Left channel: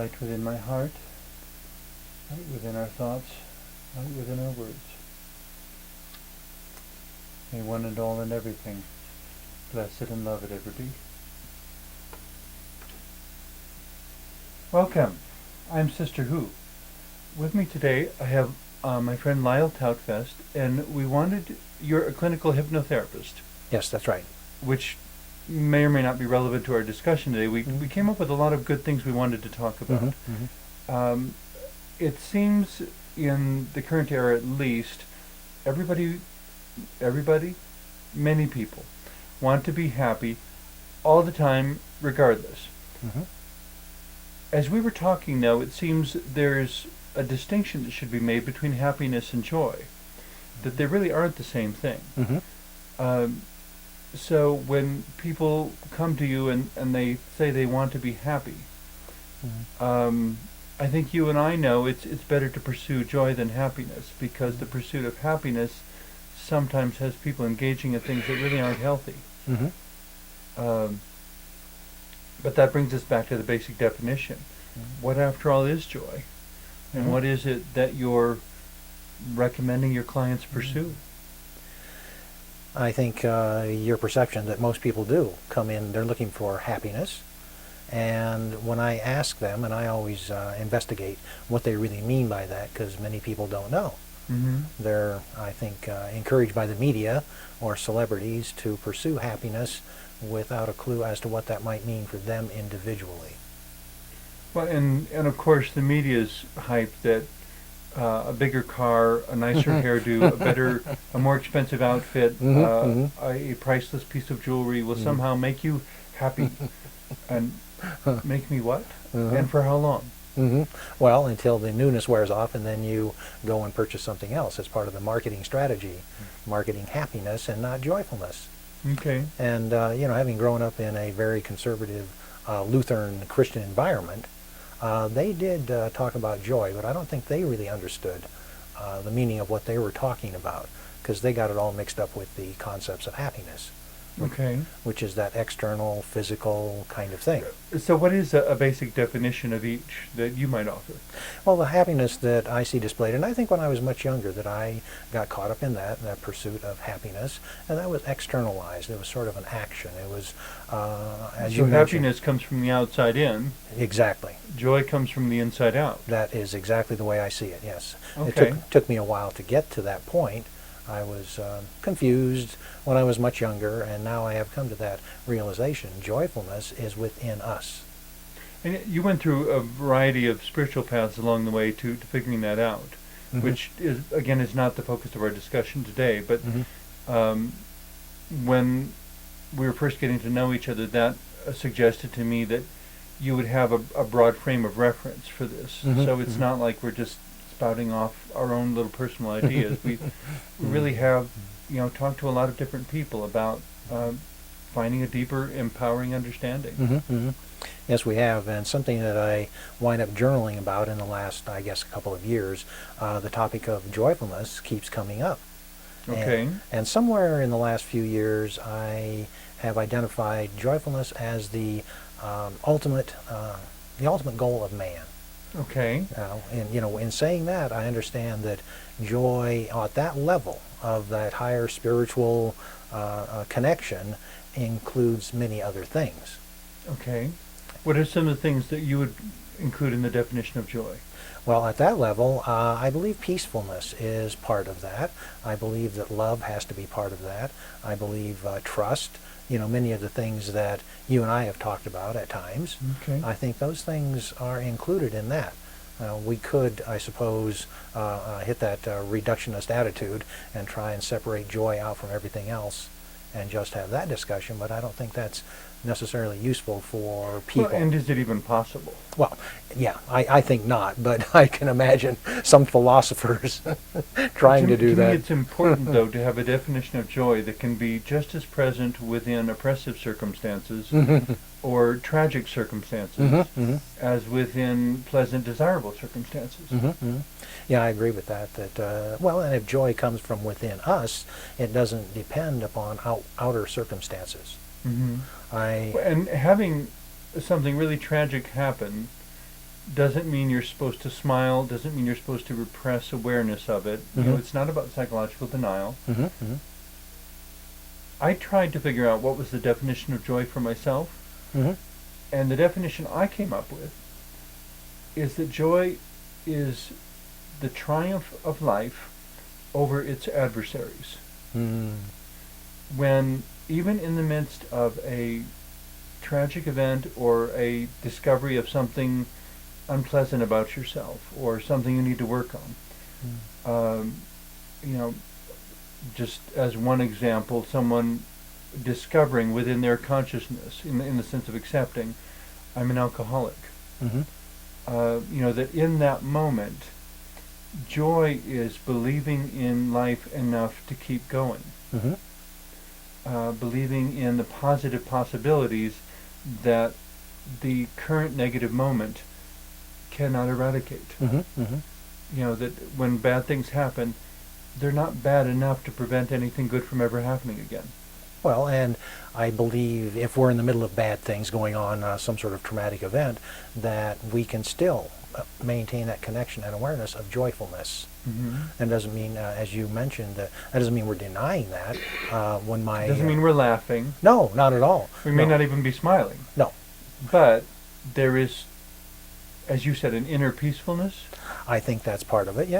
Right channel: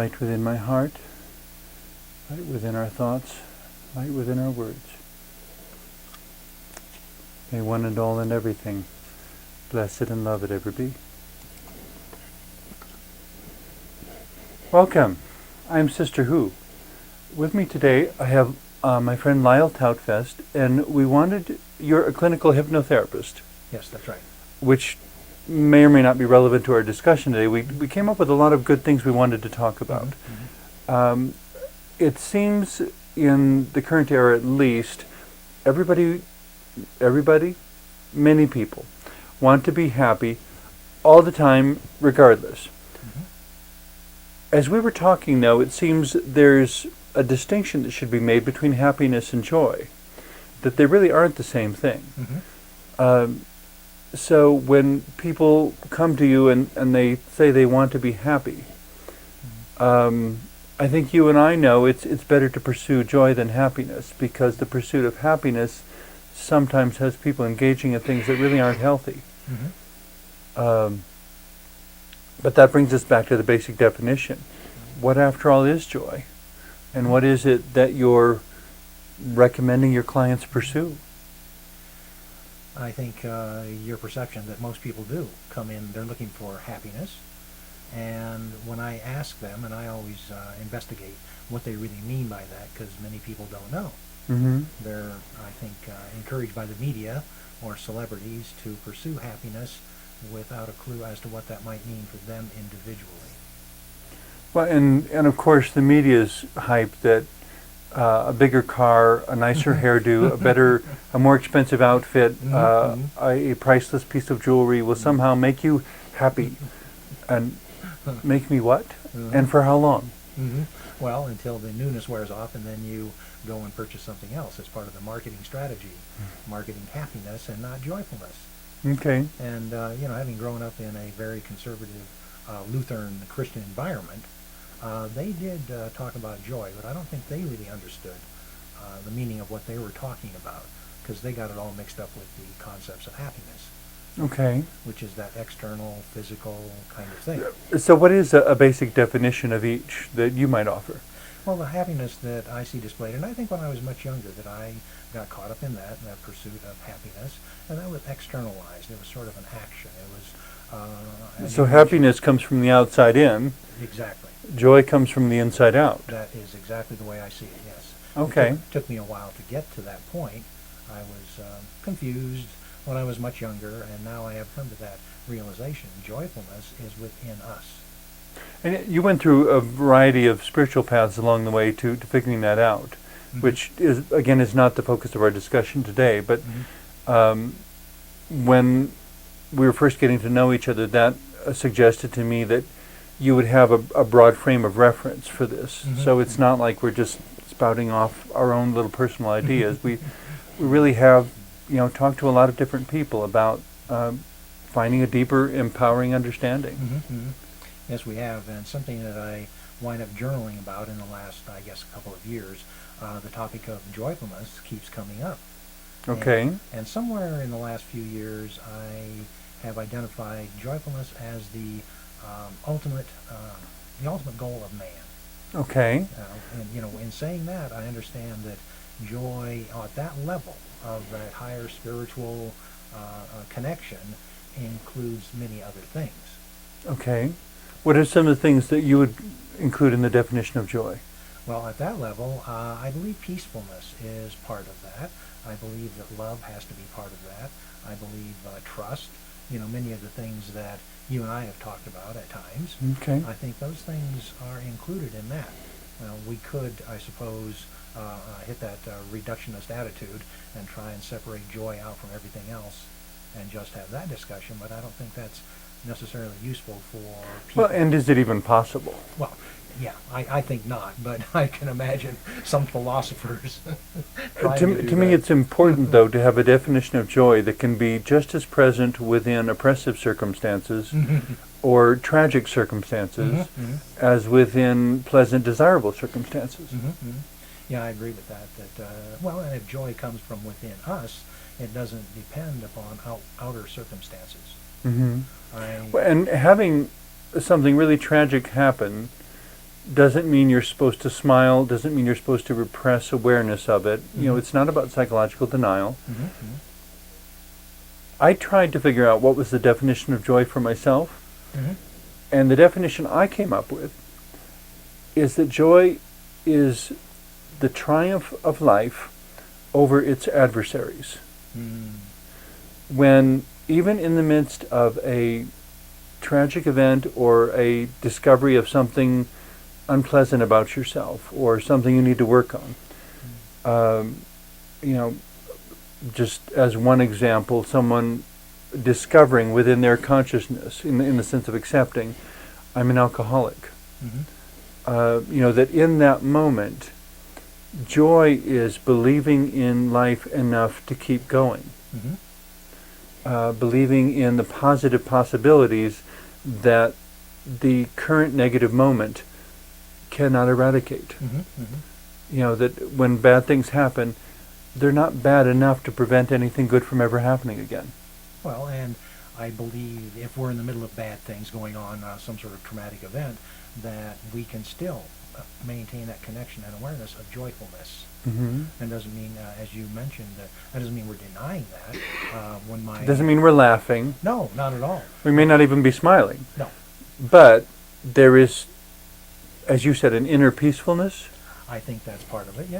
light within my heart, light within our thoughts, light within our words. May one and all and everything, blessed and loved ever be. Welcome. I'm Sister Who. With me today I have my friend Lyle Tautfest, and you're a clinical hypnotherapist. Yes, that's right. Which may or may not be relevant to our discussion today. We came up with a lot of good things we wanted to talk about. It seems in the current era at least, many people want to be happy all the time regardless. As we were talking now, it seems there's a distinction that should be made between happiness and joy, that they really aren't the same thing. So when people come to you and they say they want to be happy, I think you and I know it's better to pursue joy than happiness, because the pursuit of happiness sometimes has people engaging in things that really aren't healthy. But that brings us back to the basic definition. What, after all, is joy? And what is it that you're recommending your clients pursue? I think your perception that most people do come in, they're looking for happiness. And when I ask them, and I always investigate what they really mean by that, because many people don't know. They're, I think, encouraged by the media or celebrities to pursue happiness without a clue as to what that might mean for them individually. Well, and of course the media's hype that a bigger car, a nicer hairdo, a more expensive outfit, a priceless piece of jewelry will somehow make you happy. And make me what? And for how long? Well, until the newness wears off, and then you go and purchase something else. It's part of the marketing strategy, marketing happiness and not joyfulness. Okay. And having grown up in a very conservative Lutheran Christian environment, they did talk about joy, but I don't think they really understood the meaning of what they were talking about, because they got it all mixed up with the concepts of happiness. Okay. Which is that external, physical kind of thing. So what is a basic definition of each that you might offer? Well, the happiness that I see displayed, and I think when I was much younger that I got caught up in that pursuit of happiness, and that was externalized. It was sort of an action. It was, so happiness comes from the outside in. Exactly. Joy comes from the inside out. That is exactly the way I see it, yes. Okay. It took me a while to get to that point. I was confused when I was much younger, and now I have come to that realization. Joyfulness is within us. And you went through a variety of spiritual paths along the way to figuring that out, which is, again, is not the focus of our discussion today. But when we were first getting to know each other, that suggested to me that you would have a broad frame of reference for this. So it's not like we're just spouting off our own little personal ideas. We really have talked to a lot of different people about finding a deeper, empowering understanding. Yes, we have, and something that I wind up journaling about in the last, I guess, couple of years, the topic of joyfulness keeps coming up. Okay. And somewhere in the last few years, I have identified joyfulness as the ultimate goal of man. Okay. And in saying that, I understand that joy at that level of that higher spiritual connection includes many other things. Okay. What are some of the things that you would include in the definition of joy? Well, at that level, I believe peacefulness is part of that. I believe that love has to be part of that. I believe trust, many of the things that you and I have talked about at times. Okay. I think those things are included in that. We could, I suppose, hit that reductionist attitude and try and separate joy out from everything else and just have that discussion, but I don't think that's necessarily useful for people. Well, and is it even possible? Well, yeah, I think not, but I can imagine some philosophers trying to do that. To me, it's important, though, to have a definition of joy that can be just as present within oppressive circumstances or tragic circumstances as within pleasant, desirable circumstances. Yeah, I agree with that. Well, and if joy comes from within us, it doesn't depend upon outer circumstances. And having something really tragic happen doesn't mean you're supposed to smile, doesn't mean you're supposed to repress awareness of it. You know, Mhm. it's not about psychological denial. Mm-hmm. Mm-hmm. I tried to figure out what was the definition of joy for myself, Mm-hmm. and the definition I came up with is that joy is the triumph of life over its adversaries. Mm. When, even in the midst of a tragic event or a discovery of something unpleasant about yourself or something you need to work on, you know, just as one example, someone discovering within their consciousness, in the sense of accepting, I'm an alcoholic. Mm-hmm. You know, that in that moment, joy is believing in life enough to keep going. Mm-hmm. Believing in the positive possibilities that the current negative moment cannot eradicate. Mm-hmm. Mm-hmm. You know, that when bad things happen, they're not bad enough to prevent anything good from ever happening again. Well, and I believe if we're in the middle of bad things going on, some sort of traumatic event, that we can still maintain that connection and awareness of joyfulness. Mm-hmm. And doesn't mean, as you mentioned, that doesn't mean we're denying that. When my Doesn't mean we're laughing. no, not at all. We may No. not even be smiling. No, But there is, as you said, an inner peacefulness. I think that's part of it. Yeah,